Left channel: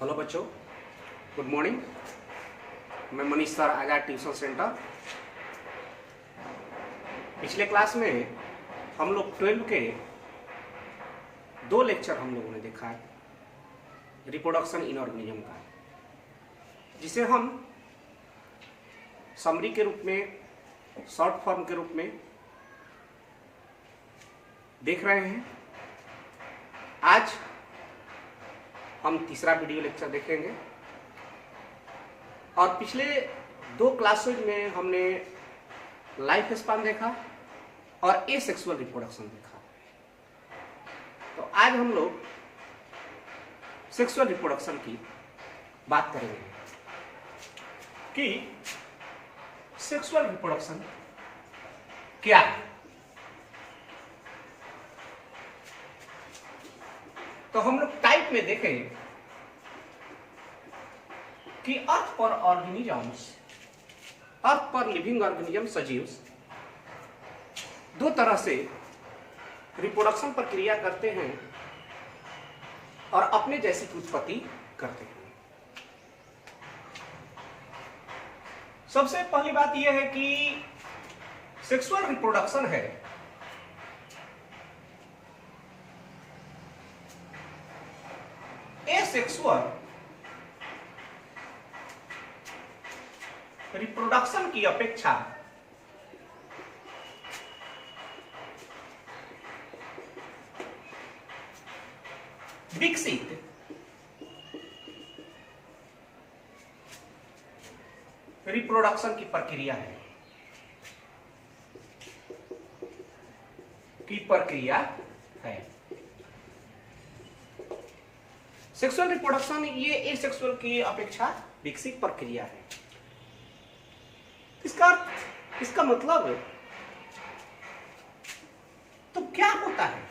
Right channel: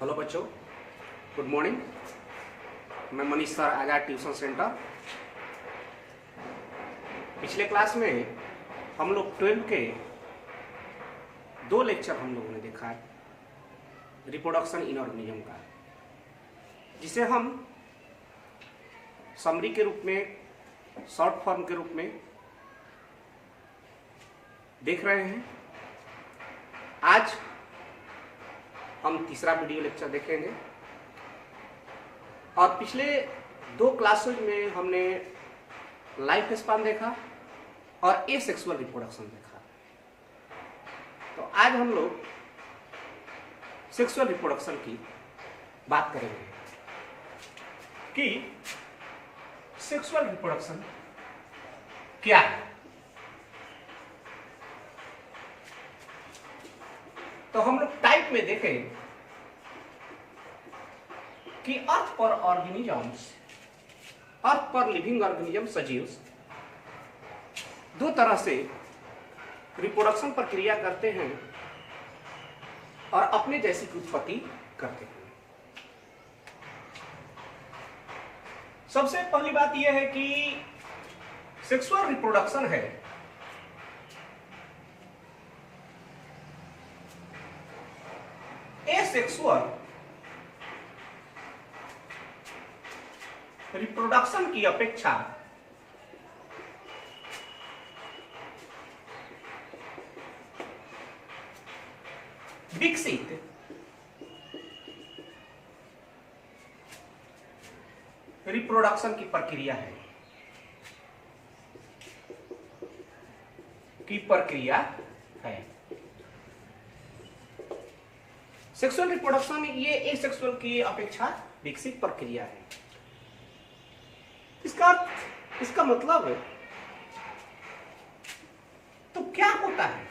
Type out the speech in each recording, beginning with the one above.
Hello बच्चों, good morning. मैं Manish sir, आजाद tuition centre. पिछले क्लास में हम लोग 12 के 2 लेक्चर हम लोगों ने देखा है रिप्रोडक्शन इन ऑर्गेनिज्म का, जिसे हम समरी के रूप में, शॉर्ट फॉर्म के रूप में देख रहे हैं। आज हम तीसरा वीडियो लेक्चर देखेंगे और पिछले 2 क्लासेज में हमने लाइफ स्पान देखा और एसेक्सुअल रिप्रोडक्शन देखा। तो आज हम लोग सेक्सुअल रिप्रोडक्शन की बात करेंगे कि सेक्सुअल रिप्रोडक्शन क्या है। तो हम लोग टाइप में देखें कि अर्थ पर ऑर्गेनिजम्स, अर्थ पर लिविंग ऑर्गेनिज्म सजीव 2 तरह से रिप्रोडक्शन प्रक्रिया करते हैं और अपने जैसी की उत्पत्ति करते हैं। सबसे पहली बात यह है कि सेक्सुअल रिप्रोडक्शन है एसेक्सुअल रिप्रोडक्शन की अपेक्षा विकसित रिप्रोडक्शन की प्रक्रिया है सेक्सुअल रिप्रोडक्शन ये एसेक्सुअल की अपेक्षा विकसित प्रक्रिया है। इसका मतलब है, तो क्या होता है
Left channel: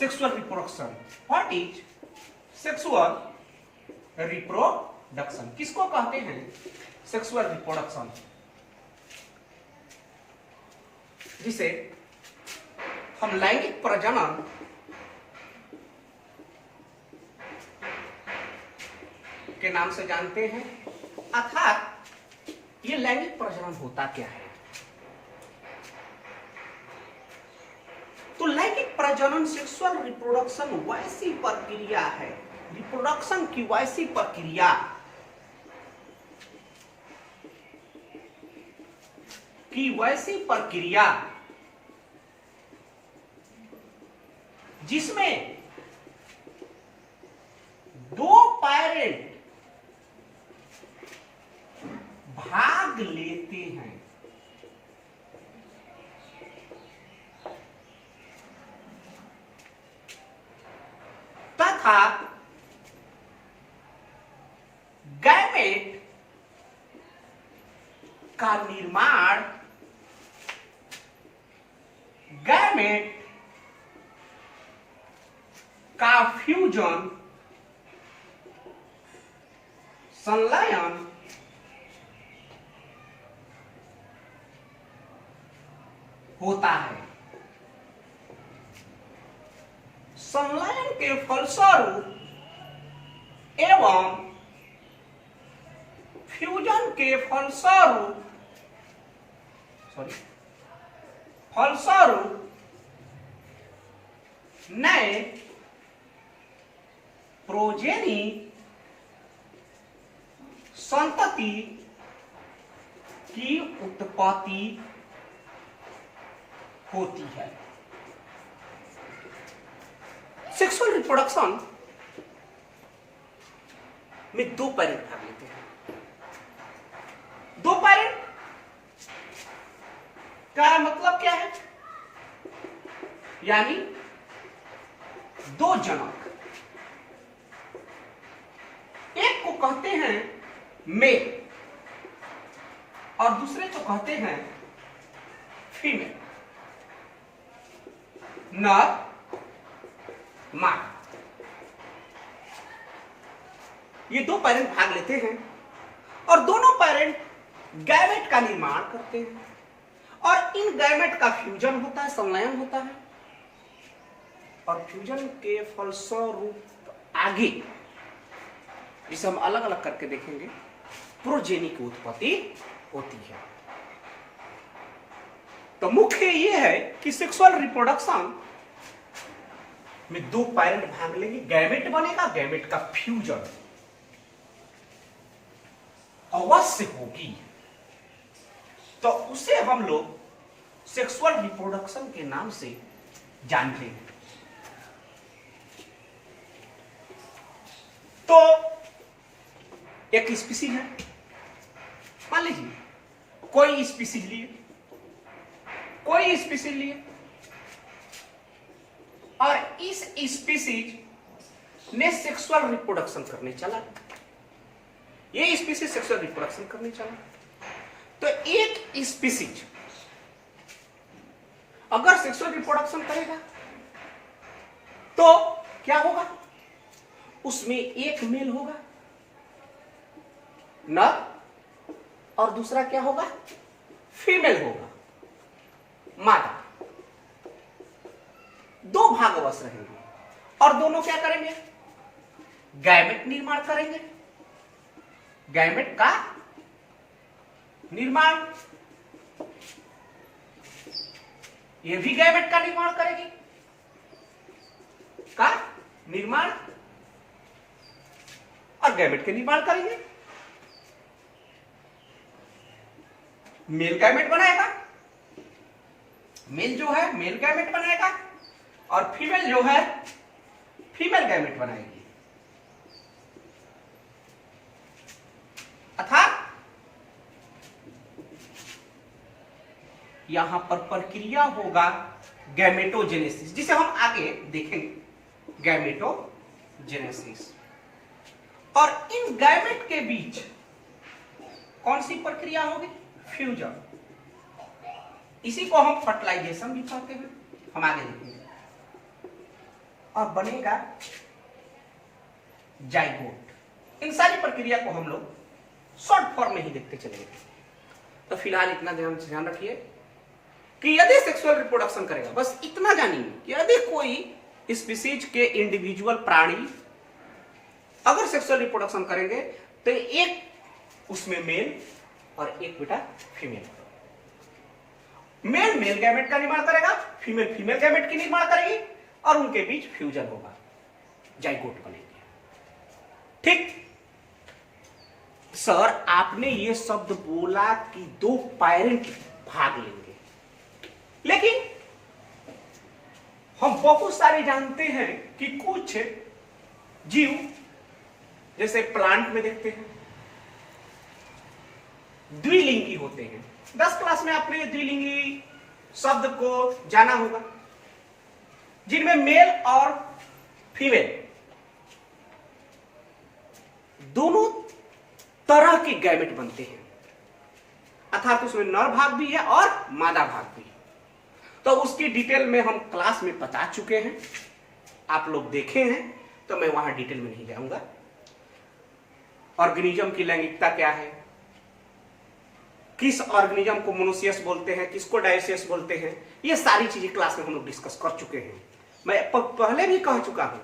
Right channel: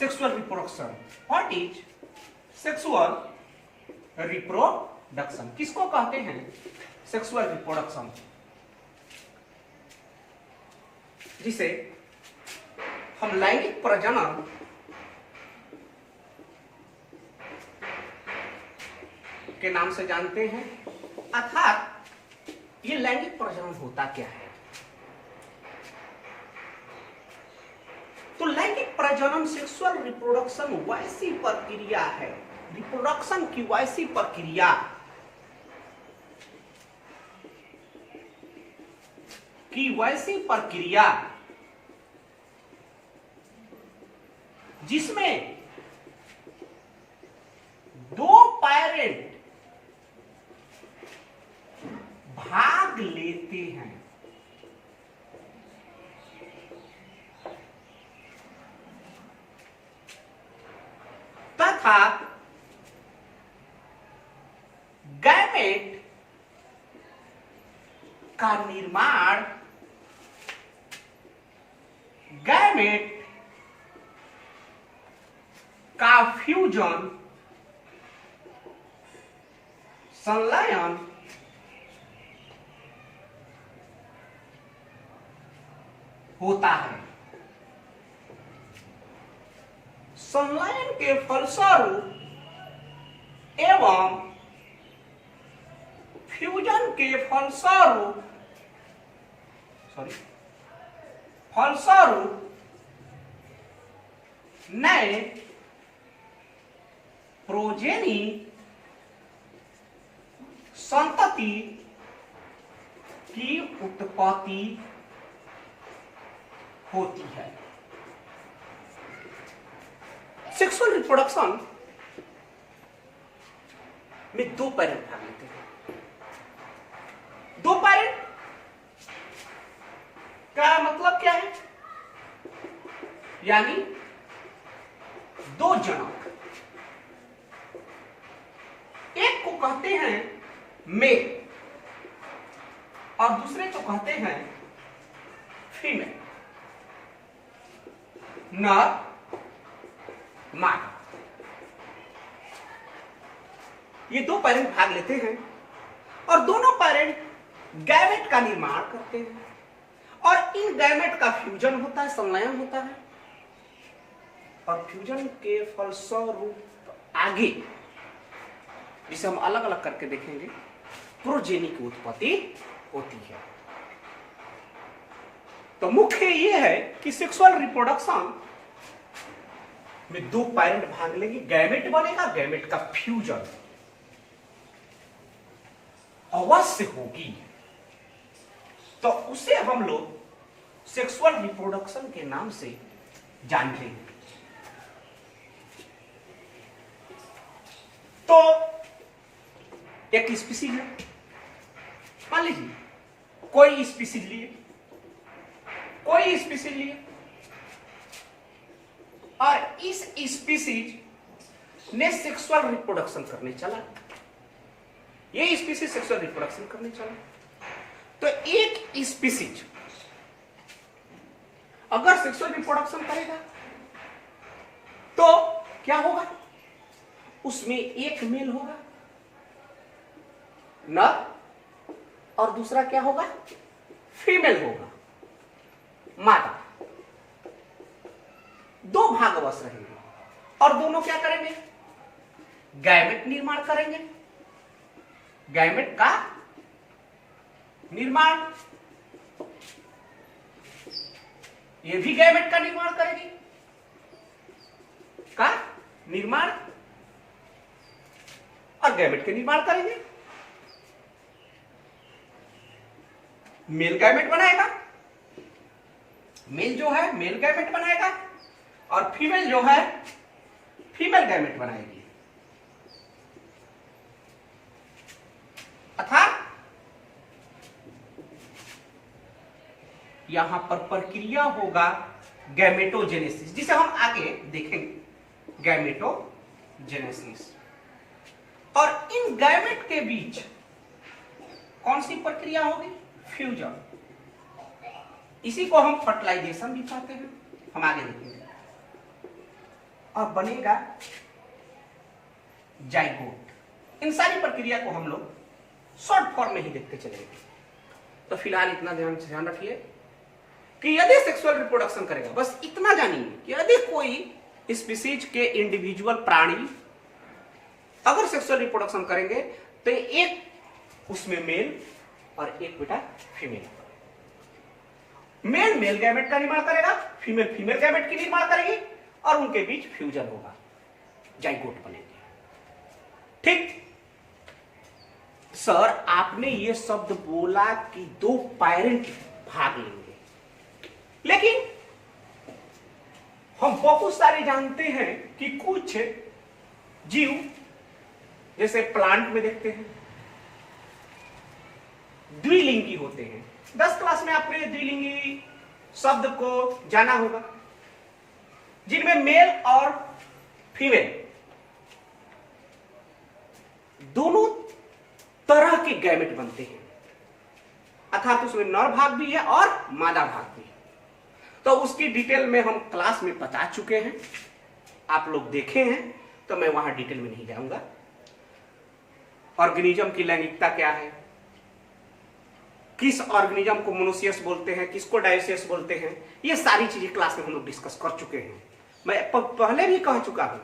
sexual reproduction? What is sexual reproduction? किसको कहते हैं सेक्सुअल रिप्रोडक्शन? जिसे हम लैंगिक प्रजनन के नाम से जानते हैं। अर्थात ये लैंगिक प्रजनन होता क्या है? तो लैंगिक प्रजनन, सेक्सुअल रिप्रोडक्शन वैसी प्रक्रिया है, रिप्रोडक्शन की वैसी प्रक्रिया जिसमें 2 पेरेंट भाग लेते हैं तथा गैमेट का निर्माण, गैमेट का फ्यूजन, संलयन होता है। संलयन के फलस्वरूप एवं फ्यूजन के फलस्वरूप नए प्रोजेनी संतति की उत्पत्ति होती है। सेक्सुअल रिप्रोडक्शन में 2 पेरेंट भाग लेते हैं। 2 पेरेंट का मतलब क्या है? यानी 2 जनक। एक को कहते हैं मेल और दूसरे को कहते हैं फीमेल, नर मादा। ये 2 पेरेंट भाग लेते हैं और दोनों पेरेंट गैमेट का निर्माण करते हैं और इन गैमेट का फ्यूजन होता है, संलयन होता है और फ्यूजन के फलस्वरूप आगे, जिसे हम अलग अलग करके देखेंगे, प्रोजेनी की उत्पत्ति होती है। तो मुख्य ये है कि सेक्सुअल रिप्रोडक्शन में दो पैरेंट भाग लेंगे, गैमेट बनेगा, गैमेट का फ्यूजन अवश्य होगी। तो उसे हम लोग सेक्सुअल रिप्रोडक्शन के नाम से जानते हैं। तो एक स्पीसीज है, मान लीजिए कोई स्पीसीज लिए और इस स्पीसीज ने सेक्सुअल रिप्रोडक्शन करने चला, ये स्पीसीज सेक्सुअल रिप्रोडक्शन करने चला। तो एक स्पीसीज अगर सेक्सुअल रिप्रोडक्शन करेगा तो क्या होगा, उसमें एक मेल होगा नर और दूसरा क्या होगा, फीमेल होगा मादा। दो भाग अवश्य रहेंगे और दोनों क्या करेंगे, गैमेट निर्माण करेंगे। गैमेट का निर्माण, ये भी गैमेट का निर्माण करेगी, का निर्माण और गैमेट के निर्माण करेंगे। मेल गैमेट बनाएगा, मेल जो है मेल गैमेट बनाएगा और फीमेल जो है फीमेल गैमेट बनाएगी। अर्थात यहां पर प्रक्रिया होगा गैमेटोजेनेसिस, जिसे हम आगे देखेंगे, गैमेटोजेनेसिस। और इन गैमेट के बीच कौन सी प्रक्रिया होगी, फ्यूजन। इसी को हम फर्टिलाइजेशन भी कहते हैं, हम आगे देखेंगे। और बनेगा जाइगोट। इन सारी प्रक्रिया को हम लोग शॉर्ट फॉर्म में ही देखते चलेंगे। तो फिलहाल इतना ध्यान रखिए कि यदि सेक्सुअल रिप्रोडक्शन करेगा, बस इतना जानिए कि यदि कोई स्पीसीज के इंडिविजुअल प्राणी अगर सेक्सुअल रिप्रोडक्शन करेंगे तो एक उसमें मेल और एक बेटा फीमेल। मेल मेल गैमेट का निर्माण करेगा, फीमेल फीमेल गैमेट की निर्माण करेगी और उनके बीच फ्यूजन होगा, जाइगोट बनेगी। ठीक सर, आपने ये शब्द बोला कि दो पैरेंट भाग लेंगे, लेकिन हम बहुत सारे जानते हैं कि कुछ जीव जैसे प्लांट में देखते हैं द्विलिंगी होते हैं। 10 क्लास में आपने द्विलिंगी शब्द को जाना होगा, जिनमें मेल और फीमेल दोनों तरह के गैमेट बनते हैं, अर्थात उसमें नर भाग भी है और मादा भाग भी है। तो उसकी डिटेल में हम क्लास में बता चुके हैं, आप लोग देखे हैं, तो मैं वहां डिटेल में नहीं जाऊंगा। ऑर्गेनिज्म की लैंगिकता क्या है, किस ऑर्गेनिज्म को मोनोसियस बोलते हैं, किसको डायोसियस बोलते हैं, ये सारी चीजें क्लास में हम लोग डिस्कस कर चुके हैं। मैं पहले भी कह चुका हूं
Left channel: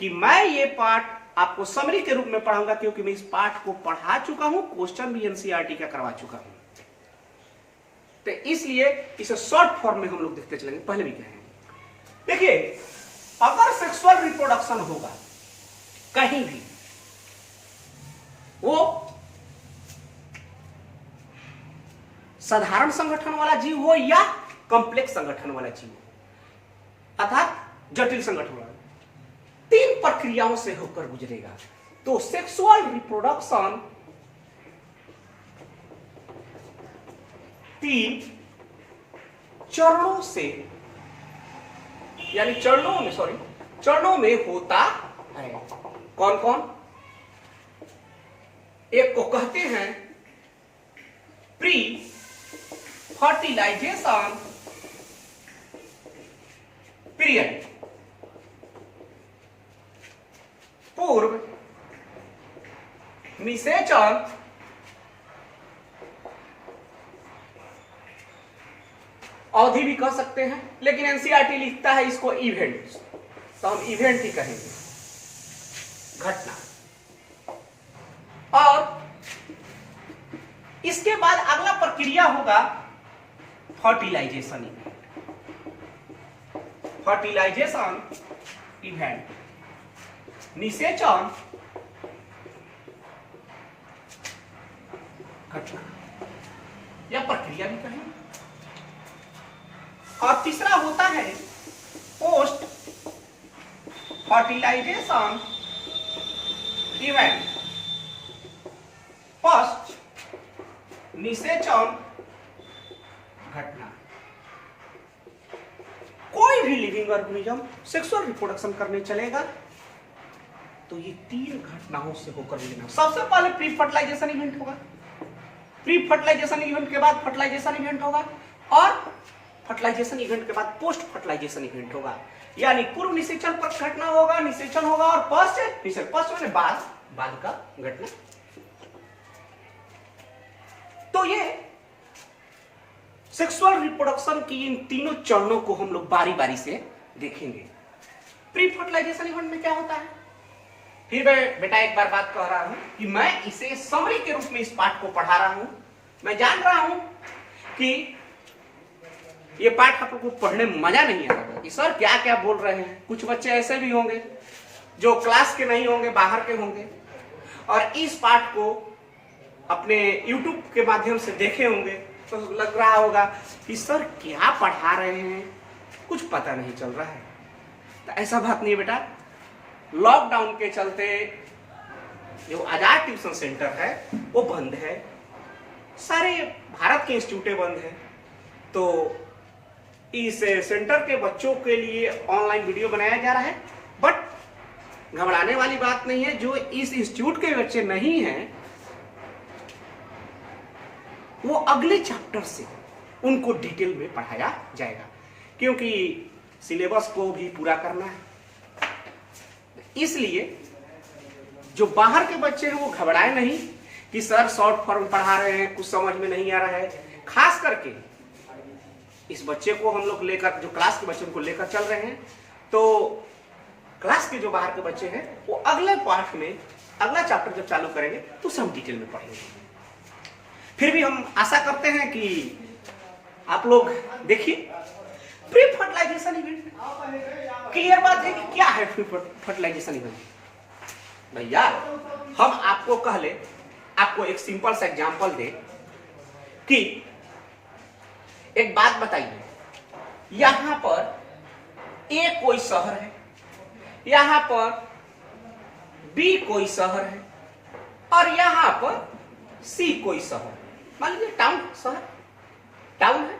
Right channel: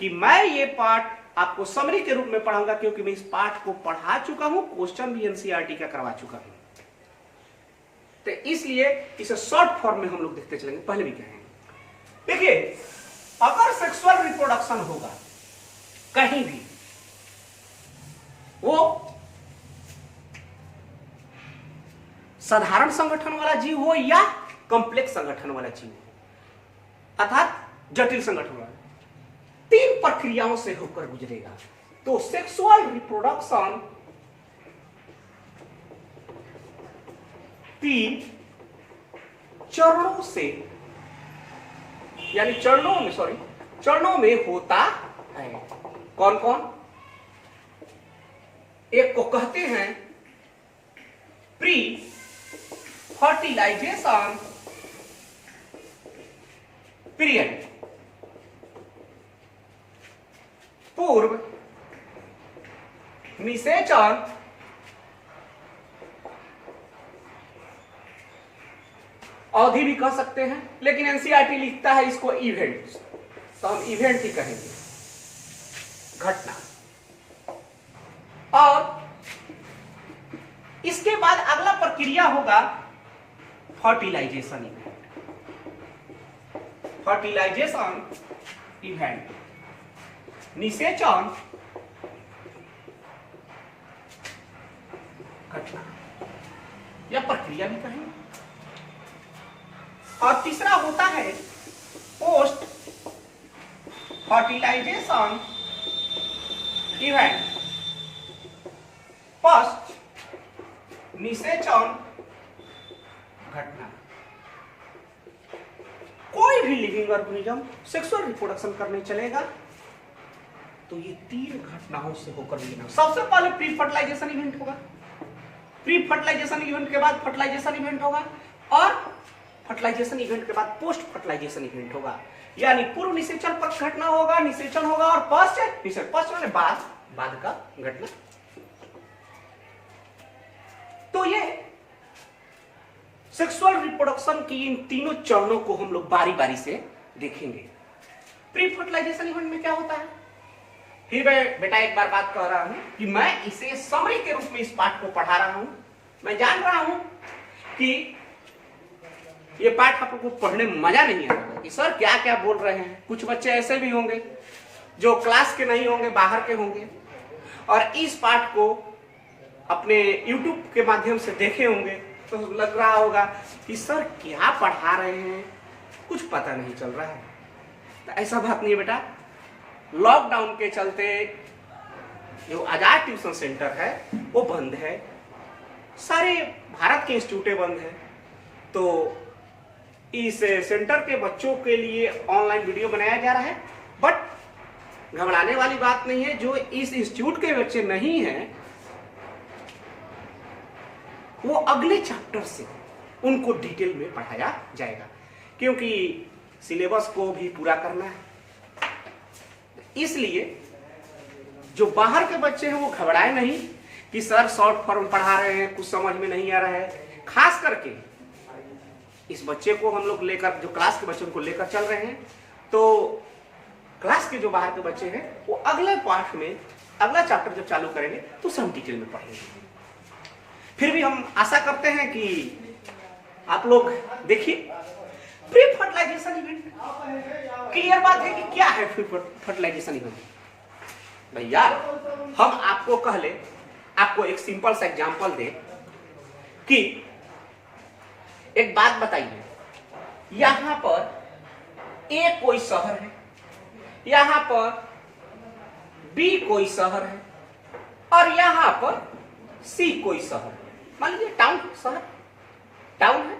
कि मैं ये पार्ट आपको समरी के रूप में पढ़ाऊंगा, क्योंकि मैं इस पार्ट को पढ़ा चुका हूं, क्वेश्चन भी एनसीईआरटी का करवा चुका हूं। तो इसलिए इसे शॉर्ट फॉर्म में हम लोग देखते चलेंगे। पहले भी कहेंगे, देखिए अगर सेक्सुअल रिप्रोडक्शन होगा कहीं भी, वो साधारण संगठन वाला जीव हो या कॉम्प्लेक्स संगठन वाला जीव हो, अर्थात जटिल संगठन वाला, 3 प्रक्रियाओं से होकर गुजरेगा। तो सेक्सुअल रिप्रोडक्शन 3 चरणों से, यानी चरणों में होता है। कौन कौन? एक को कहते हैं प्री फर्टिलाइजेशन पीरियड, पूर्व निषेचन अवधि भी कह सकते हैं, लेकिन एनसीईआरटी लिखता है इसको इवेंट, तो हम इवेंट ही कहेंगे। घटना। और इसके बाद अगला प्रक्रिया होगा फर्टिलाइजेशन इवेंट। फर्टिलाइजेशन इवेंट, निषेचन घटना, यह प्रक्रिया भी कहेंगे। और तीसरा होता है पोस्ट फर्टिलाइजेशन इवेंट, पोस्ट निषेचन घटना। कोई भी लिविंग ऑर्गेनिज्म सेक्सुअल रिप्रोडक्शन करने चलेगा तो ये 3 घटनाओं से होकर मिलेगा। सबसे पहले प्री फर्टिलाइजेशन इवेंट होगा, प्री फर्टिलाइजेशन इवेंट के बाद फर्टिलाइजेशन इवेंट होगा, और फर्टिलाइजेशन इवेंट के बाद पोस्ट फर्टिलाइजेशन इवेंट होगा। यानी पूर्व निषेचन पर घटना होगा, निषेचन होगा, और पोस्ट निषेचन, पोस्ट में बाद का घटना। तो ये सेक्सुअल रिप्रोडक्शन की इन तीनों चरणों को हम लोग बारी बारी से देखेंगे। प्री फर्टिलाइजेशन इवेंट में क्या होता है, फिर मैं बेटा एक बार बात कह रहा हूं कि मैं इसे समरी के रूप में इस पाठ को पढ़ा रहा हूं। मैं जान रहा हूं कि ये पाठ आप लोगों को पढ़ने में मजा नहीं आएगा कि सर क्या क्या बोल रहे हैं। कुछ बच्चे ऐसे भी होंगे जो क्लास के नहीं होंगे, बाहर के होंगे, और इस पाठ को अपने YouTube के माध्यम से देखे होंगे, तो लग रहा होगा कि सर क्या पढ़ा रहे हैं, कुछ पता नहीं चल रहा है। तो ऐसा बात नहीं है बेटा। लॉकडाउन के चलते जो आजाद ट्यूशन सेंटर है वो बंद है, सारे भारत के इंस्टीट्यूटें बंद है। तो इस सेंटर के बच्चों के लिए ऑनलाइन वीडियो बनाया जा रहा है। बट घबराने वाली बात नहीं है, जो इस इंस्टीट्यूट के बच्चे नहीं हैं वो अगले चैप्टर से उनको डिटेल में पढ़ाया जाएगा, क्योंकि सिलेबस को भी पूरा करना है। इसलिए जो बाहर के बच्चे हैं वो घबराए नहीं कि सर शॉर्ट फॉर्म पढ़ा रहे हैं, कुछ समझ में नहीं आ रहा है। खास करके इस बच्चे को हम लोग लेकर, जो क्लास के बच्चों को लेकर चल रहे हैं, तो क्लास के जो बाहर के बच्चे हैं वो अगले पाठ में, अगला चैप्टर जब चालू करेंगे तो सब डिटेल में पढ़ेंगे। फिर भी हम आशा करते हैं कि आप लोग देखिए प्री फर्टिलाइजेशन इवेंट। क्लियर बात है कि क्या है प्री फर्टिलाइजेशन इवेंट। भैया हम आपको कहले, आपको एक सिंपल सा एग्जांपल दे कि एक बात बताइए, यहां पर ए कोई शहर है, यहां पर बी कोई शहर है, और यहां पर सी कोई शहर है। मान लीजिए टाउन, शहर टाउन है,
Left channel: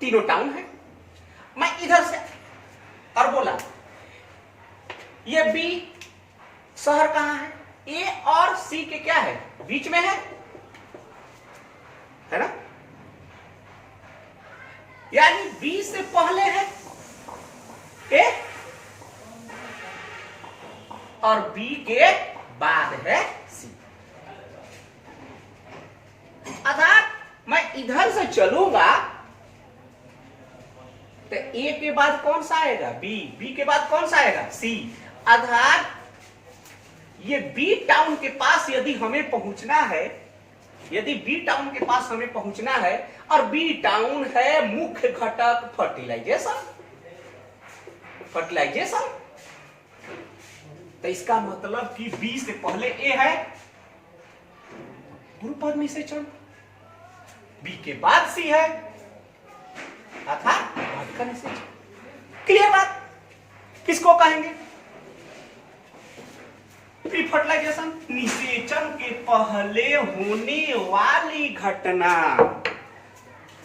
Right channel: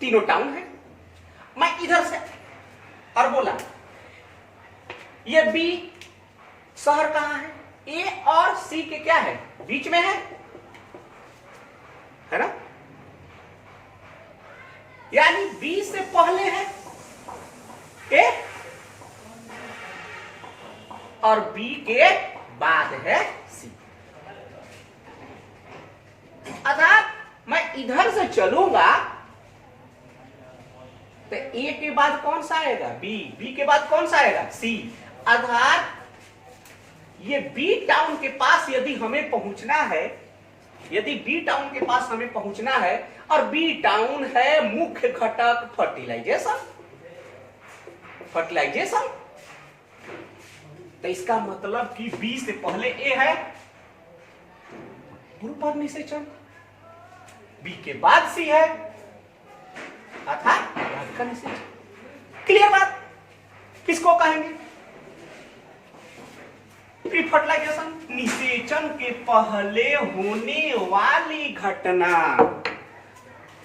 तीनों टाउन है। मैं इधर से और बोला ये बी शहर कहां है, ए और सी के क्या है, बीच में है ना। यानी बी से पहले है ए और बी के बाद है सी। अर्थात मैं इधर से चलूंगा तो ए के बाद कौन सा आएगा, बी, बी के बाद कौन सा आएगा, सी। अर्थात ये बी टाउन के पास यदि हमें पहुंचना है, यदि बी टाउन के पास हमें पहुंचना है, और बी टाउन है मुख्य घटक फर्टिलाइजेशन, फर्टिलाइजेशन, तो इसका मतलब कि बी से पहले ए है पूर्व निषेचन, बी के बाद सी है अर्थात बाद का निषेचन। क्लियर बात। किसको कहेंगे प्री फर्टिलाइजेशन, निषेचन के पहले होने वाली घटना,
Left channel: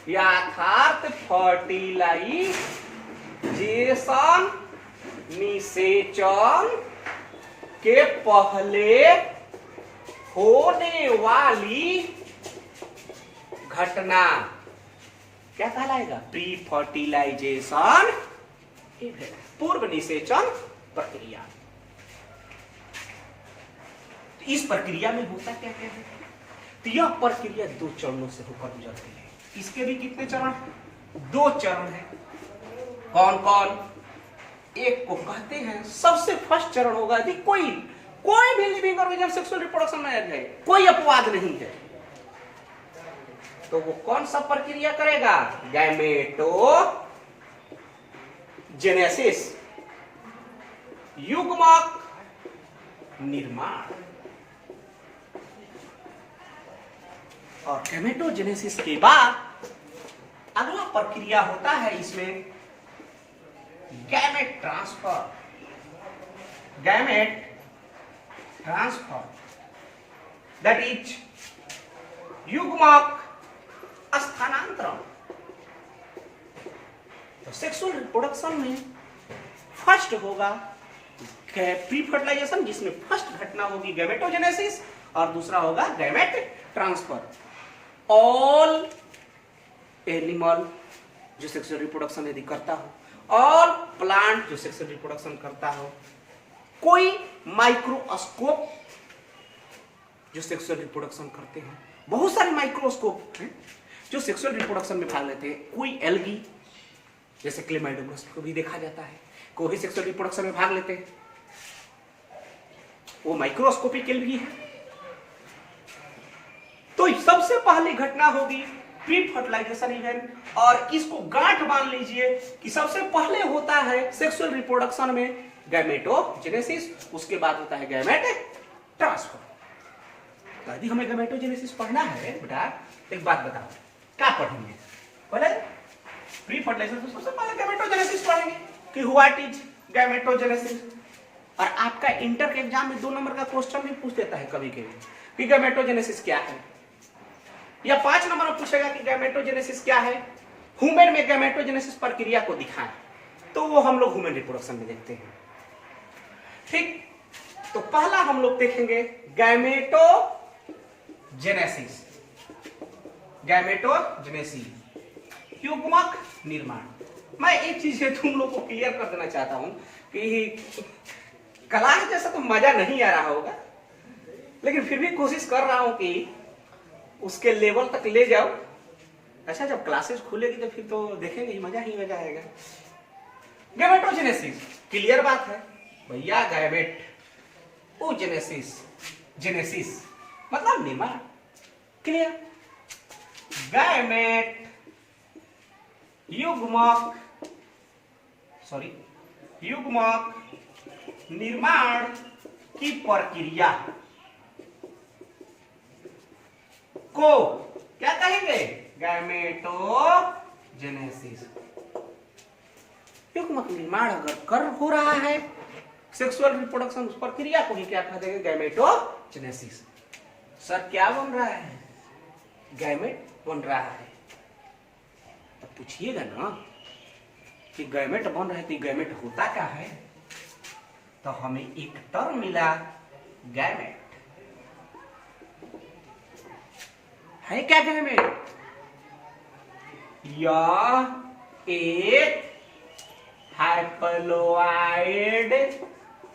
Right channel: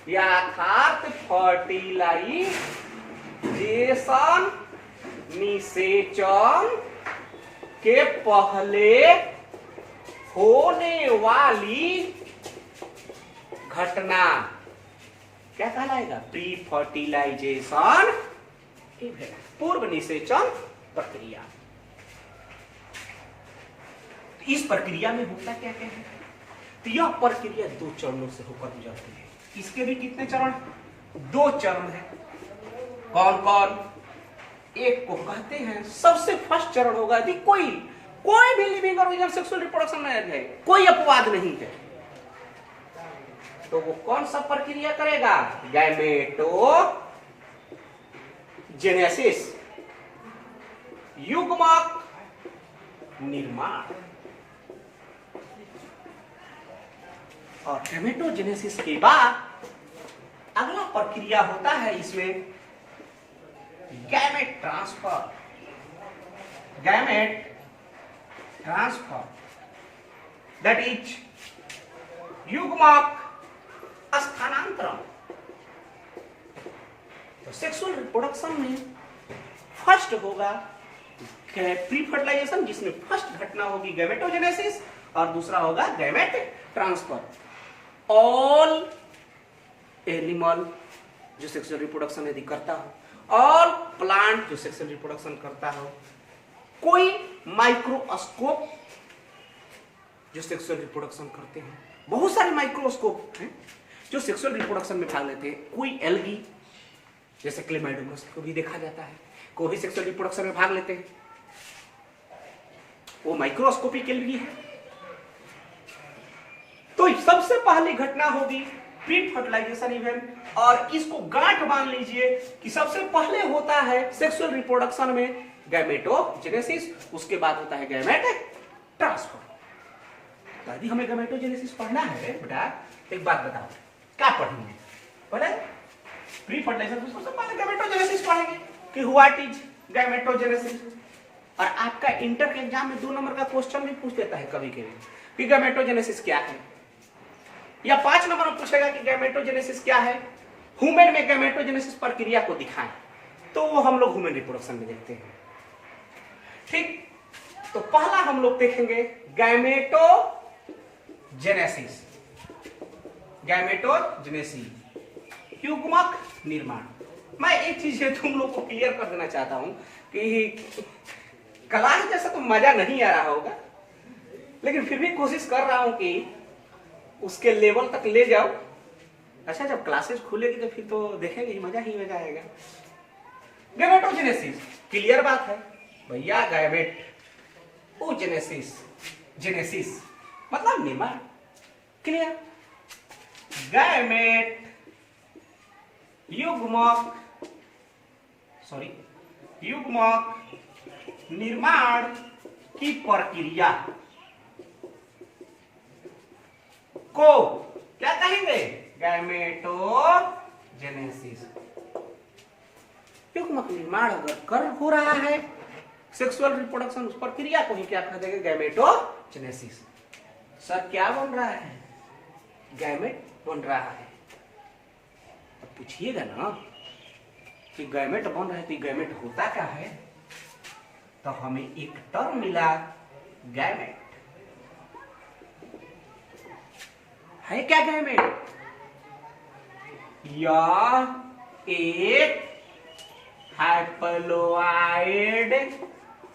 यथार्थ फर्टिलाइजेशन निषेचन के पहले होने वाली घटना क्या कहलाएगा, प्री फर्टिलाइजेशन, पूर्व निषेचन प्रक्रिया। इस प्रक्रिया में होता क्या क्या है, तो यह प्रक्रिया 2 चरणों से होकर गुजरती है। इसके भी कितने चरण, 2 चरण है। कौन कौन, एक को कहते हैं सबसे फर्स्ट चरण होगा यदि कोई भी लिविंग ऑर्गेनिज्म सेक्सुअल रिप्रोडक्शन में है, कोई अपवाद नहीं है, तो वो कौन सा प्रक्रिया करेगा? गैमेटोजेनेसिस, युग्मक निर्माण। और गैमेटोजेनेसिस के बाद अगला प्रक्रिया होता है इसमें गैमेट ट्रांसफर। दैट इज युग्मक स्थानांतरण। तो सेक्सुअल रिप्रोडक्शन में फर्स्ट होगा प्री फर्टिलाइजेशन, जिसमें फर्स्ट घटना होगी गैमेटोजेनेसिस, और दूसरा होगा गैमेट ट्रांसफर। ऑल एनिमल जो सेक्सुअल रिप्रोडक्शन यदि करता हो, ऑल प्लांट जो सेक्सुअल रिप्रोडक्शन करता हो, कोई माइक्रोस्कोप जो सेक्सुअल रिप्रोडक्शन करते हैं, बहुत सारे माइक्रोस्कोप हैं जो सेक्सुअल रिप्रोडक्शन में भाग लेते हैं। कोई एल्गी जैसे क्लेमाइडोमस को भी देखा जाता है, को भी सेक्सुअल रिप्रोडक्शन में भाग लेते हैं, वो माइक्रोस्कोपिक एल्गी है। तो सबसे पहली घटना होगी प्री फर्टिलाइजेशन इवेंट, और इसको गांठ मान लीजिए कि सबसे पहले होता है सेक्सुअल रिप्रोडक्शन में गैमेटोजेनेसिस, उसके बाद होता है गैमेट ट्रांसफर। यदि हमें गैमेटोजेनेसिस पढ़ना है बेटा, एक बात बताओ, क्या पढ़ेंगे? पहले प्री फर्टिलाइजेशन, सबसे पहले गैमेटोजेनेसिस पढ़ेंगे कि व्हाट इज गैमेटोजेनेसिस। और आपका इंटर के एग्जाम में 2 नंबर का क्वेश्चन भी पूछ देता है कभी कभी कि गैमेटोजेनेसिस क्या है, या 5 नंबर में पूछेगा कि गैमेटोजेनेसिस क्या है, ह्यूमन में गैमेटोजेनेसिस प्रक्रिया को दिखाएं, तो वो हम लोग ह्यूमन रिप्रोडक्शन में देखते हैं। ठीक, तो पहला हम लोग देखेंगे गैमेटोजेनेसिस, युग्मक निर्माण। मैं एक चीज तुम लोग को क्लियर कर देना चाहता हूं कि क्लास जैसा तो मजा नहीं आ रहा होगा, लेकिन फिर भी कोशिश कर रहा हूं कि उसके लेवल तक ले जाओ। अच्छा, जब क्लासेस खुलेगी तो फिर तो देखेंगे, मजा ही मजा आएगा। गैमेटोजेनेसिस क्लियर बात है भैया, जेनेसिस मतलब निर्माण, क्लियर। गैमेट युग्मक निर्माण की प्रक्रिया को क्या कहेंगे? गैमेटोजेनेसिस। युग्मक निर्माण अगर कर हो रहा है सेक्सुअल रिप्रोडक्शन, उस प्रक्रिया को ही क्या कह देंगे? गैमेटोजेनेसिस। सर क्या बन रहा है? गैमेट बन रहा है। पूछिएगा ना कि गैमेट बन रहा है तो गैमेट होता क्या है, तो हमें एक टर्म मिला गैमेट। है क्या गैमेट? यह एक हैप्लॉइड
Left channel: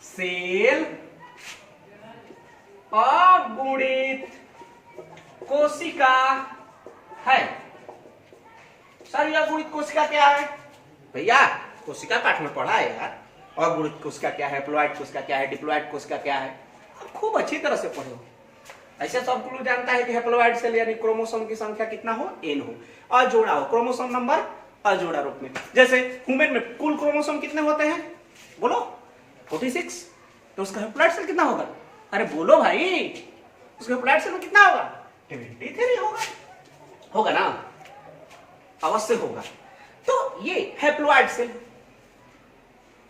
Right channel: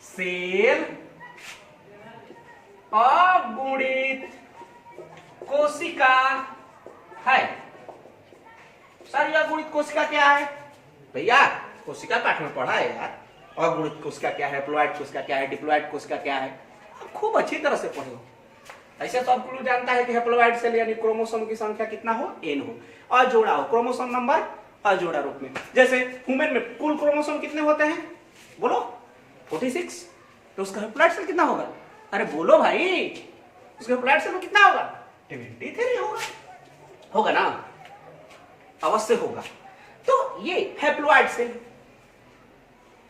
सेल अगुणित कोशिका है। सर यह अगुणित कोशिका क्या है? भैया कोशिका पाठ में पढ़ा है यार, अगुणित कोशिका क्या है, हैप्लॉइड कोशिका क्या है, डिप्लॉइड कोशिका क्या है, खूब अच्छी तरह से पढ़ो। ऐसे सब लोग जानता है कि हैप्लॉइड सेल यानी क्रोमोसोम की संख्या कितना हो? n हो, अजोड़ा हो, क्रोमोसोम नंबर अजोड़ा रूप में। जैसे ह्यूमन में कुल क्रोमोसोम कितने होते हैं? बोलो 46, तो उसका हैप्लॉइड सेल कितना होगा? अरे बोलो भाई, उसका हैप्लॉइड सेल कितना होगा? 23 होगा ना, अवश्य होगा। तो ये हैप्लॉइड सेल,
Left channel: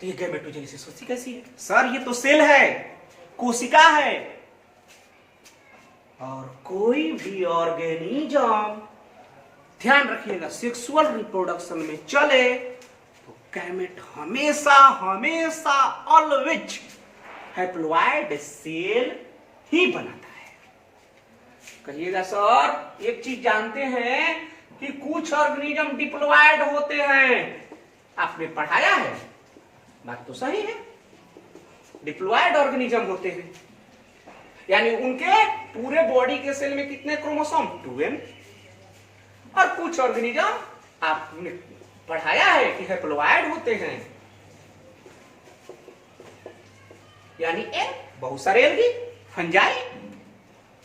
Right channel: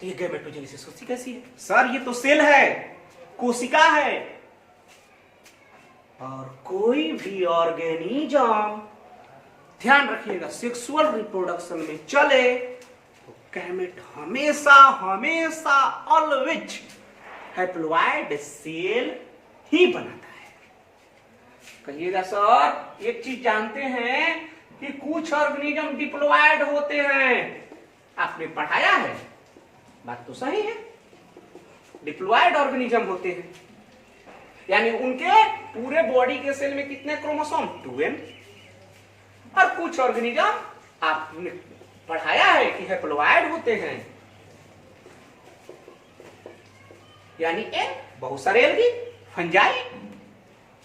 तो ये गैमेटोजेनेसिस कैसी है? सर ये तो सेल है, कोशिका है, और कोई भी ऑर्गेनिज्म ध्यान रखिएगा सेक्सुअल रिप्रोडक्शन में चले तो गैमेट हमेशा ऑलवेज हैप्लॉइड सेल ही बनाता है। कहिएगा सर एक चीज जानते हैं कि कुछ ऑर्गेनिज्म डिप्लॉइड होते हैं, आपने पढ़ाया है, बात तो सही है, डिप्लॉइड ऑर्गेनिज्म होते हैं, यानी उनके पूरे बॉडी के सेल में कितने क्रोमोसोम? 2n। और कुछ ऑर्गेनिज्म आपने पढ़ाया है कि हैप्लॉइड होते हैं, यानी एल, बहुत सारे एल्गी, फंजाई,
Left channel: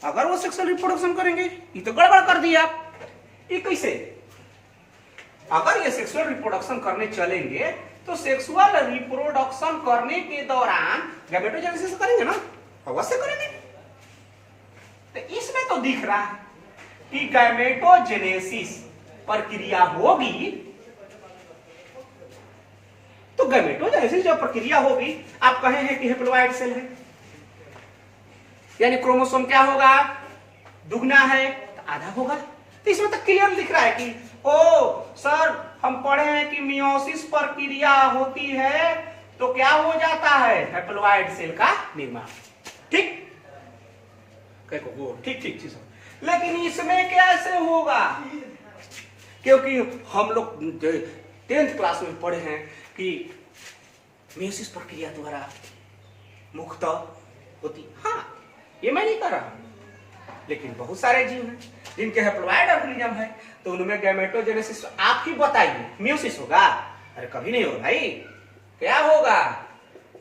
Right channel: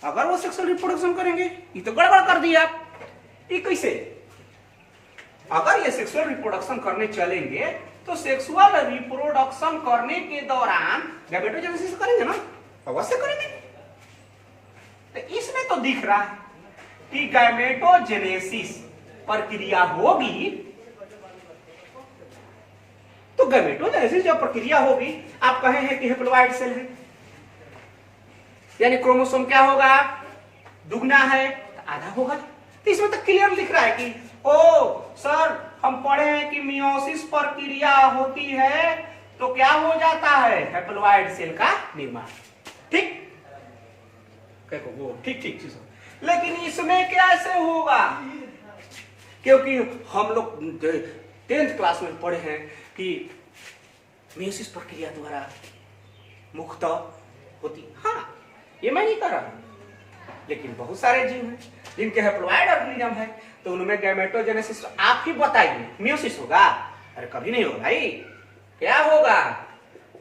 अगर वो सेक्सुअल रिप्रोडक्शन करेंगे, ये तो गड़बड़ कर दिया आप। ये कैसे? अगर ये सेक्सुअल रिप्रोडक्शन करने चलेंगे तो सेक्सुअल रिप्रोडक्शन करने के दौरान गैमेटोजेनेसिस करेंगे ना, अवश्य करेंगे। तो इसमें तो दिख रहा है कि गैमेटोजेनेसिस प्रक्रिया होगी, तो गैमेटोजेनेसिस जब प्रक्रिया होगी, आप कहे हैं कि हेप्लोइड सेल है, यानी क्रोमोसोम क्या होगा, दुगना है तो आधा होगा। तो इसमें तो क्लियर दिख रहा है कि ओ सर हम पढ़े हैं कि मियोसिस प्रक्रिया होती है तो क्या हो जाता है, हेप्लोइड सेल का निर्माण। ठीक ठीक ठीक चीज। लेकिन इसमें कैसे होगा? क्योंकि हम लोग 10th क्लास में पढ़े हैं कि मियोसिस प्रक्रिया द्वारा मुख्यतः होती, हाँ ये मैं नहीं कर रहा, लेकिन बहुत सारे जीव हैं जिनके हेप्लोइड ऑर्गेनिज्म है, तो उनमें गैमेटोजेनेसिस आप ही बताइए, मियोसिस होगा? अरे कभी नहीं होगा भाई। क्या होगा?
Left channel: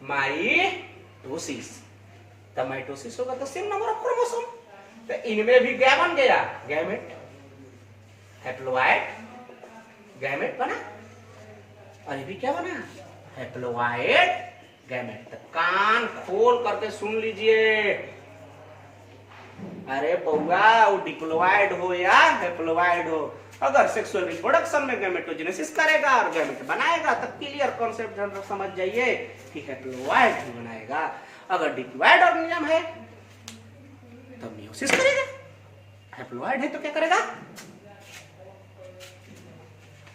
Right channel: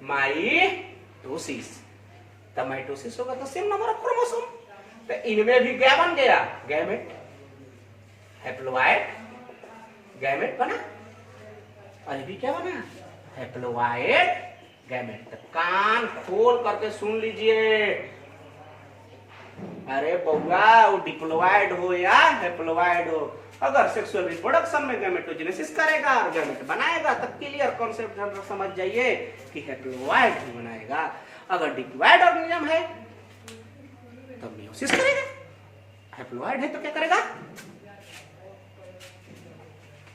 माइटोसिस। तब माइटोसिस होगा तो सेम नंबर ऑफ क्रोमोसोम, तो इनमें भी क्या बन गया, गैमेट, हेप्लोइड गैमेट बना, और ये भी क्या बना, हेप्लोइड गैमेट। तो कान खोल करके सुन लीजिए, अरे बउआ वो डिप्लोइड हो या हेप्लोइड हो, अगर सेक्सुअल रिप्रोडक्शन में गैमेटोजेनेसिस करेगा और गैमेट बनाएगा तो क्लियर कॉन्सेप्ट समझ जाइए कि हेप्लोइड ही बनाएगा। अगर डिप्लोइड ऑर्गेनिज्म है तो मियोसिस करेगा, हेप्लोइड है तो क्या करेगा,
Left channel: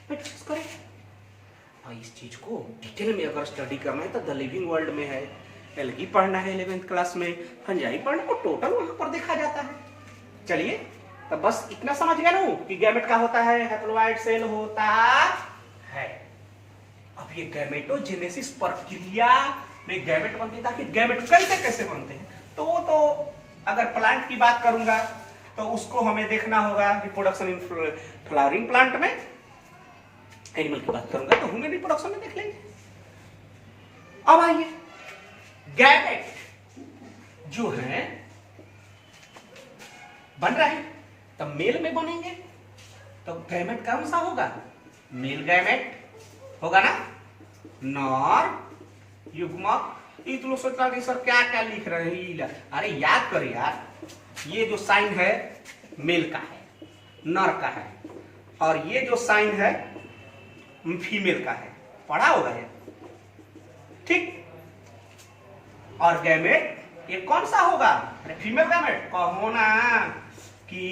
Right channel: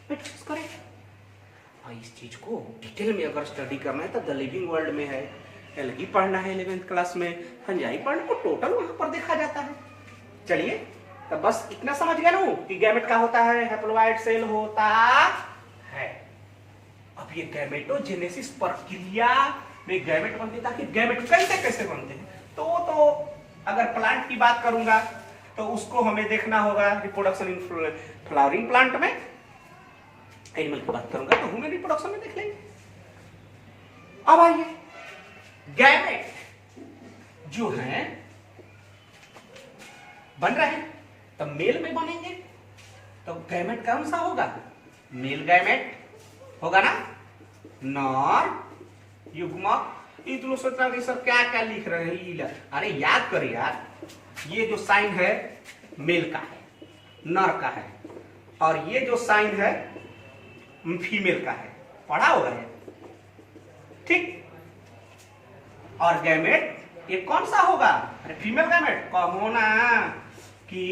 मियोसिस करेगा। और इस चीज को डिटेल में अगर स्टडी करना है तो द लिविंग वर्ल्ड में है, एल्गी पढ़ना है 11th क्लास में, फंजाई पढ़ना को टोटल वहां पर देखा जाता है। चलिए तो बस इतना समझ गया ना कि गैमेट का होता है, हेप्लोइड सेल होता है। अब ये गैमेटोजेनेसिस प्रक्रिया में गैमेट बनते, ताकि गैमेट कैसे कैसे बनते हैं तो अगर प्लांट की बात करूंगा तो उसको हमें देखना होगा रिप्रोडक्शन इन फ्लावरिंग प्लांट में, एनिमल की बात करूंगा तो ह्यूमन रिप्रोडक्शन में देख लेंगे। अब आइए गैमेट जो है बन रहे हैं, तब मेल में बनेंगे तो गैमेट कौन सा होगा, मेल गैमेट होगा ना, नर युग्मक। तो लोग सोचता है सर क्या क्या लिख रहे हैं, अरे याद करें यार, ये जो साइन है मेल का है, नर का है, और ये जो साइन है फीमेल का है, पढ़ा होगा ये, ठीक। और गैमेट ये कौन सा होगा, अरे फीमेल गैमेट कहो ना कि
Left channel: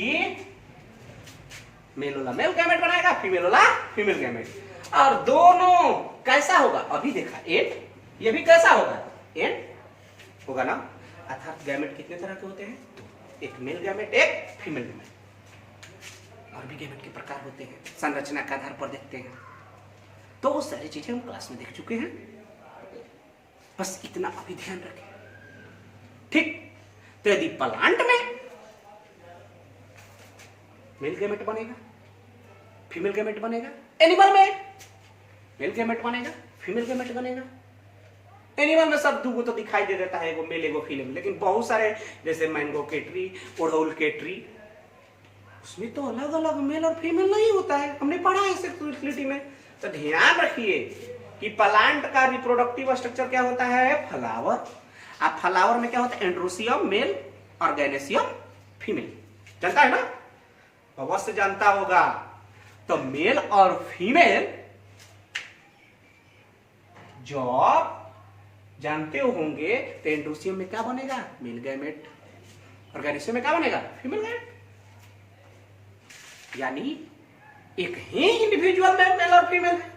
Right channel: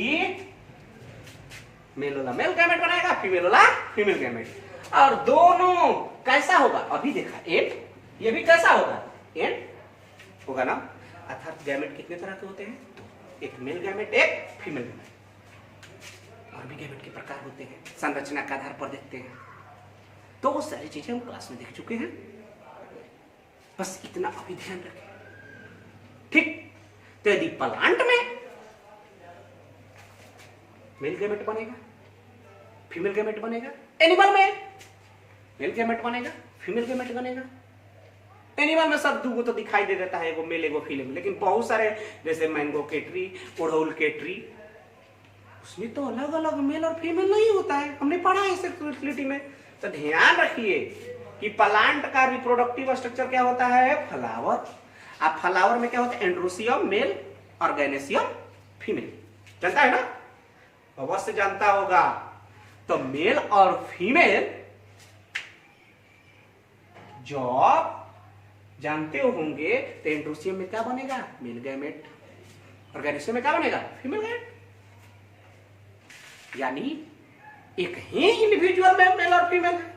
मेल वाला मेल गैमेट बनाएगा, फीमेल वाला फीमेल गैमेट। और दोनों कैसा होगा, अभी देखा एट, ये भी कैसा होगा, एट होगा ना। अर्थात गैमेट कितने तरह के होते हैं, एक मेल गैमेट एक फीमेल गैमेट। और भी गैमेट के प्रकार होते हैं, संरचना के आधार पर देखते हैं, तो वो सारी चीजें हम क्लास में देख चुके हैं, बस इतना अभी ध्यान रखें, ठीक। तो यदि प्लांट में मेल गैमेट बनेगा, फीमेल गैमेट बनेगा, एनिमल में मेल गैमेट बनेगा, फीमेल गैमेट बनेगा। एनिमल में सब दो तो दिखाई दे देता है, एगो मेल एगो फीमेल, लेकिन बहुत सारे जैसे मैंगो के ट्री, ओढ़ौल के ट्री, उसमें तो अलग अलग मेल और फीमेल नहीं होता है, हमने पढ़ा है सेक्सुअलिटी में। तो ध्यान रखिए कि प्लांट का रिप्रोडक्टिव स्ट्रक्चर क्या होता है, फ्लावर। अब फ्लावर में क्या होता है, एंड्रोसियम मेल और गैनेसियम फीमेल, जानता है ना, अवश्य जानता होगा। तो मेल और फीमेल जब जानते होंगे तो एंड्रोसियम में क्या बनेगा, मेल गैमेट, और गैनेसियम में क्या बनेगा, फीमेल गैमेट। यानी एक ही इंडिविजुअल में मेल और फीमेल है,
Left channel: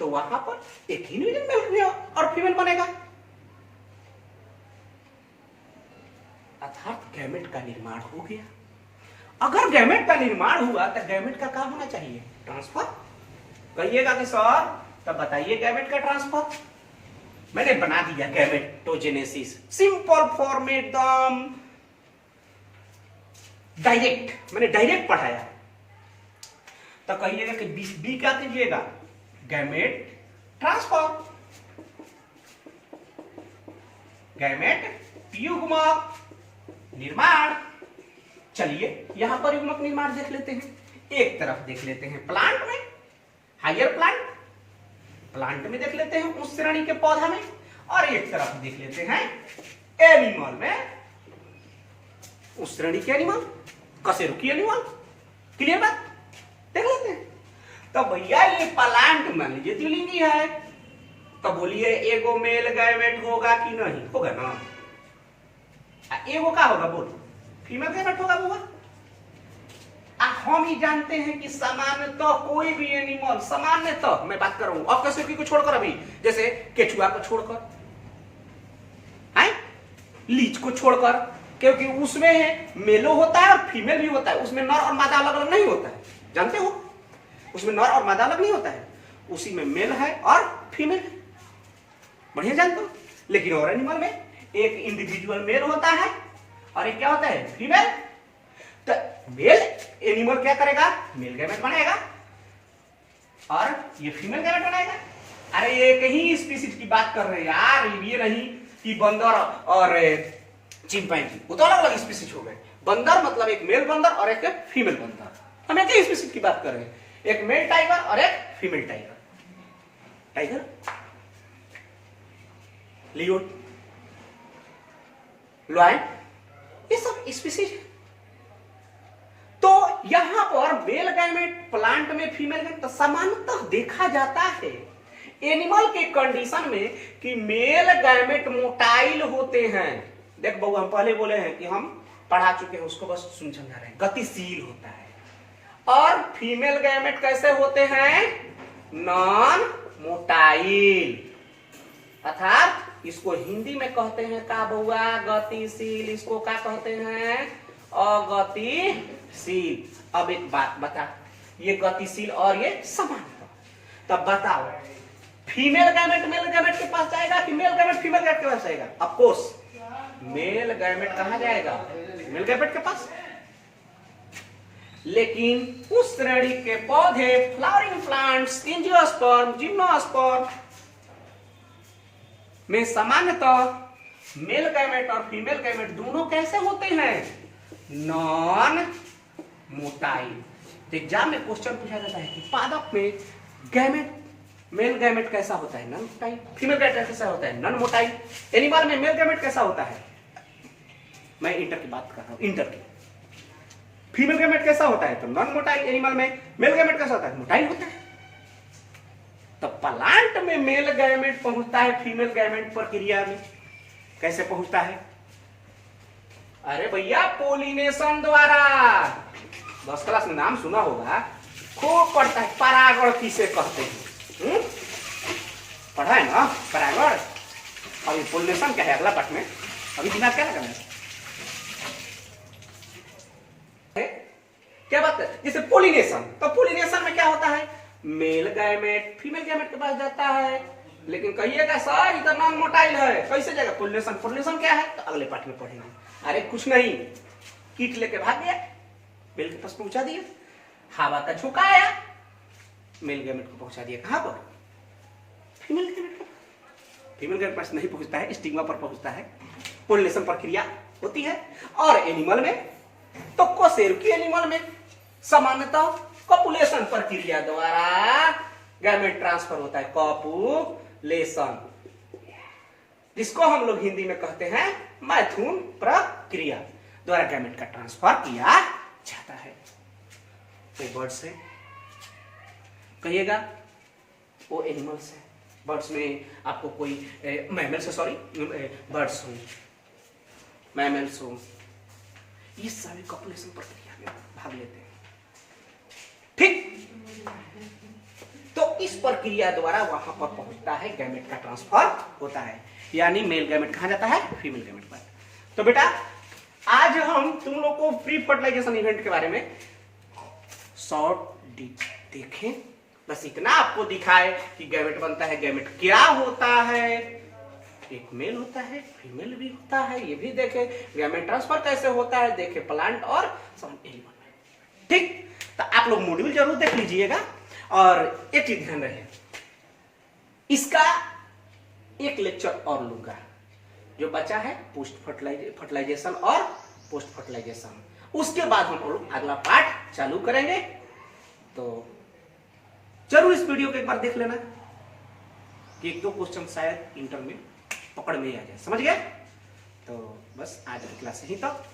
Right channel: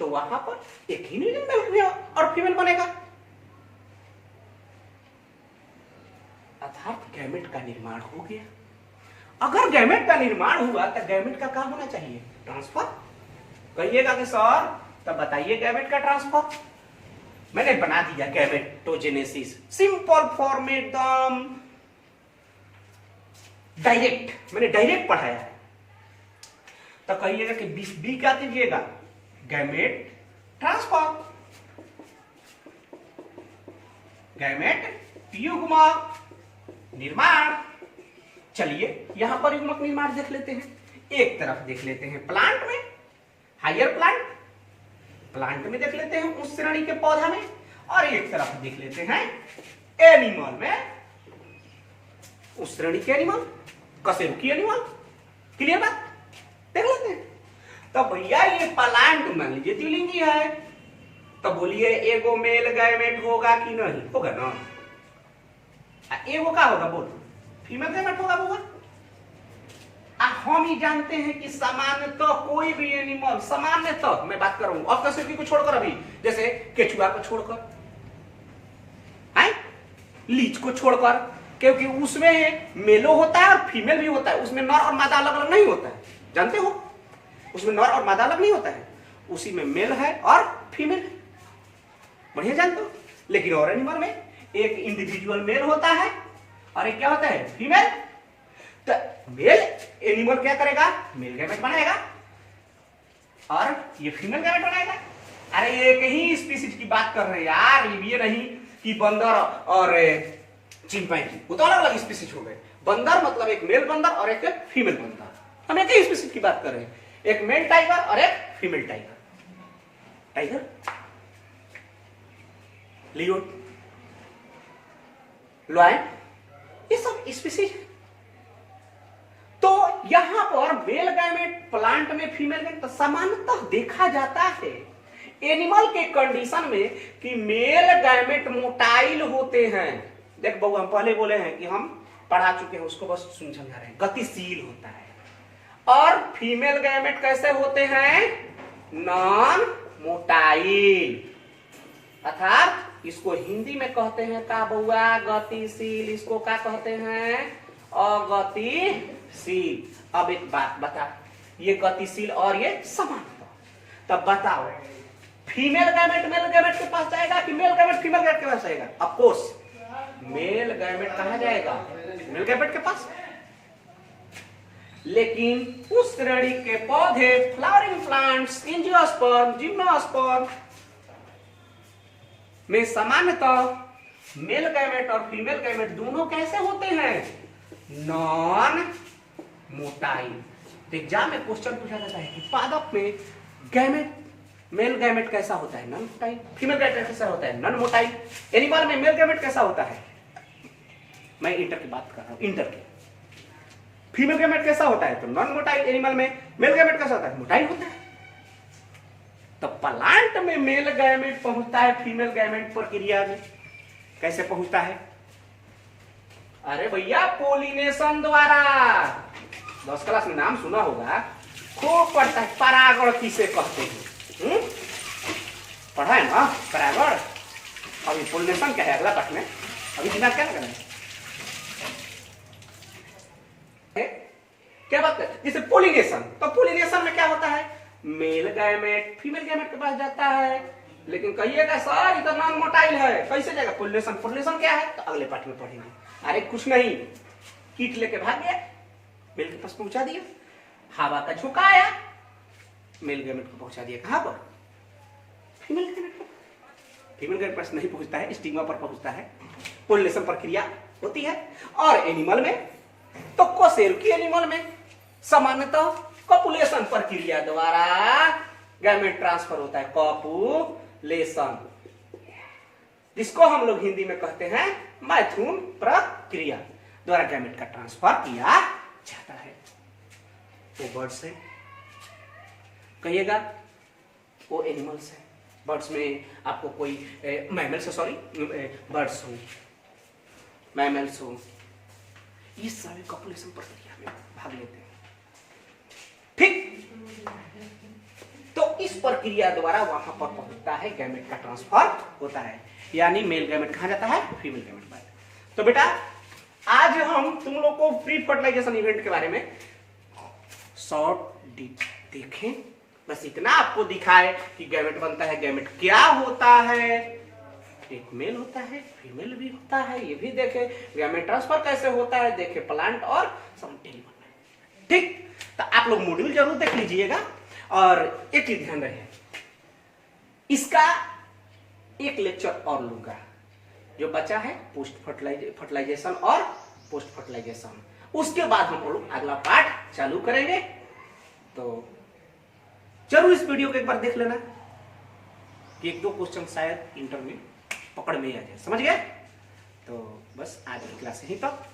तो वहां पर एक ही मेल और फीमेल बनेगा। अर्थात गैमेट का निर्माण हो गया। अगर गैमेट का निर्माण हुआ तो गैमेट का क्या होना चाहिए, ट्रांसफर। कहिएगा कि सर तब बताइए गैमेट का ट्रांसफर। मैंने बना दिया गैमेटोजेनेसिस, सिंपल फॉर्म एकदम डायरेक्ट, मैंने डायरेक्ट पढ़ाया। तो कहिएगा कि बी क्या कीजिएगा, गैमेट ट्रांसफर। गैमेट युग्मक निर्माण। चलिए यहां पर युग्मक निर्माण देख लेते हैं। एक तरफ देख लेते हैं प्लांट में, हायर प्लांट में देख लेते हैं उस श्रेणी के पौधा में, और एक तरफ देख लेते हैं एनिमल में, उस श्रेणी के एनिमल, कशेरुकी एनिमल। क्लियर बात? देख लेते हैं। तो भैया ये प्लांट मान लीजिए द्विलिंगी है, तो बोलिए एगो मेल गैमेट होगा कि नहीं? होगा ना। एगो का होगा? बोलो फीमेल गैमेट होगा होगा। हम ही जानते हैं कि सामान्यतः कोई भी एनिमल, सामान्यतः मैं बात कर रहा हूं, और कशेरुकी को छोड़कर, अभी जैसे केचुआ को छोड़कर, लीच को छोड़कर, क्योंकि उसमें मेलो होता है और फीमेल भी होता है, उसमें नर और मादा अलग अलग नहीं होता है, जानते हो? उसमें नर और मादा अलग नहीं होता है, उसी में मेल है और फीमेल है, बढ़िया जानते हो। लेकिन और एनिमल में एक इंडिविजुअल मेल होता है और एक क्या होता है? फीमेल। तो मेल एनिमल क्या करेगा? मेल गैमेट बनाएगा, और ये फीमेल गैमेट बनाएगा। अरे एक ही स्पीसीज की बात कर रहे हैं यार, ये नहीं कि बंदर और चिंपैंजी, वो तो अलग अलग स्पीसीज हो गए। बंदर मतलब एक मेल बंदर और एक फीमेल बंदर, हम एक ही स्पीसीज की बात कर रहे हैं, एक मेल टाइगर और एक फीमेल टाइगर। टाइगर, लियोन, लॉयन, ये सब स्पीसीज। तो यहां पर मेल गैमेट प्लांट में, फीमेल गैमेट, तो सामान्यतः देखा जाता है एनिमल के कंडीशन में कि मेल गैमेट मोटाइल होते हैं। देख बबू, हम पहले बोले हैं कि हम पढ़ा चुके हैं, उसको बस समझा रहे हैं, गतिशील होता है। और फीमेल गैमेट कैसे होते हैं? नॉन मोटाइल, अर्थात इसको हिंदी में कहते हैं का बउआ? गतिशील। इसको क्या कहते हैं? अगतिशील। अब एक बात बता, ये गतिशील और ये समानता, तब बताओ फीमेल गैमेट मेल गैमेट के पास जाएगा कि मेल गैमेट फीमेल गैमेट के पास जाएगा? ऑफ कोर्स मेल गैमेट कहां जाएगा? मेल गैमेट के पास। लेकिन उस श्रेणी के पौधे, फ्लावरिंग प्लांट्स, एंजियोस्पर्म, जिम्नोस्पर्म में सामान्यतः मेल गैमेट और फीमेल गैमेट दोनों कैसे होते हैं? Non motile. तो एग्जाम में क्वेश्चन पूछा जाता है कि पादप में गैमेट, मेल गैमेट कैसा होता है? Non motile. फीमेल गैमेट कैसा होता है? Non motile. एनिमल में मेल गैमेट कैसा होता है? मैं इंटर की बात कर रहा हूं, इंटर की। फीमेल गैमेट कैसा होता है? तो नॉन मोटाइल। एनिमल में मेल गैमेट कैसा होता है? मोटाइल होता है। तो प्लांट में मेल गैमेट पहुंचता है फीमेल गैमेट प्रक्रिया में, कैसे पहुंचता है? अरे भैया पोलिनेशन द्वारा। 10 क्लास में नाम सुना होगा, खूब पढ़ता है, परागण किसे कहते हैं? पढ़ा है ना परागण। अभी पोलिनेशन क्या है अगला पाठ में, अभी दिमाग क्या लगाना है? क्या बात है? जैसे पोलिनेशन, तो पोलिनेशन में क्या होता है? मेल गैमेट फीमेल गैमेट के पास जाता है। लेकिन कहिएगा सर इतना नॉन मोटाइल है, कैसे जाएगा? पोलिनेशन। पोलिनेशन क्या है? तो अगले पाठ में पढ़ेंगे। अरे कुछ नहीं, कीट लेके भाग गया, मेल के पास पहुंचा दिया, हवा का झोंका आया, मेल गैमेट को पहुंचा दिया कहां पर? फीमेल गैमेट को। फीमेल गैमेट पास नहीं पहुंचता है, स्टिग्मा पर पहुंचता है, पोलिनेशन प्रक्रिया होती है। और एनिमल में, तो कशेरुकी एनिमल में सामान्यतः कॉपुलेशन प्रक्रिया द्वारा गैमेट ट्रांसफर होता है। कॉपुलेशन, जिसको हम लोग हिंदी में कहते हैं मैथुन प्रक्रिया द्वारा गैमेट का ट्रांसफर किया जाता है। वो बर्ड्स है, कहिएगा वो एनिमल्स है। बर्ड्स में आपको कोई मैमल्स, सॉरी बर्ड्स हो, मैमल्स हो, ये सारे कॉपुलेशन प्रक्रिया में भाग लेते हैं। ठीक, तो इस प्रक्रिया द्वारा वहां पर पहुंचता है, गैमेट का ट्रांसफर होता है, यानी मेल गैमेट कहां जाता है? फीमेल गैमेट पर। तो बेटा आज हम तुम लोग को प्री फर्टिलाइजेशन इवेंट के बारे में शॉर्ट देखें, बस इतना आपको दिखाए कि गैमेट बनता है, गैमेट क्या होता है, एक मेल होता है, फीमेल भी होता है, ये भी देखे, गैमेट ट्रांसफर कैसे होता है, देखे प्लांट और सब। ठीक, तो आप लोग मॉड्यूल जरूर देख लीजिएगा। और एक चीज ध्यान रहे, इसका एक लेक्चर और लूंगा, जो बचा है पोस्ट फर्टिलाइजेशन और पोस्ट फर्टिलाइजेशन। उसके बाद हम लोग अगला पार्ट चालू करेंगे। तो जरूर इस वीडियो को एक बार देख लेना कि एक दो क्वेश्चन शायद इंटर में पकड़ में आ जाए, समझ गए? तो बस आज की क्लास यहीं तक।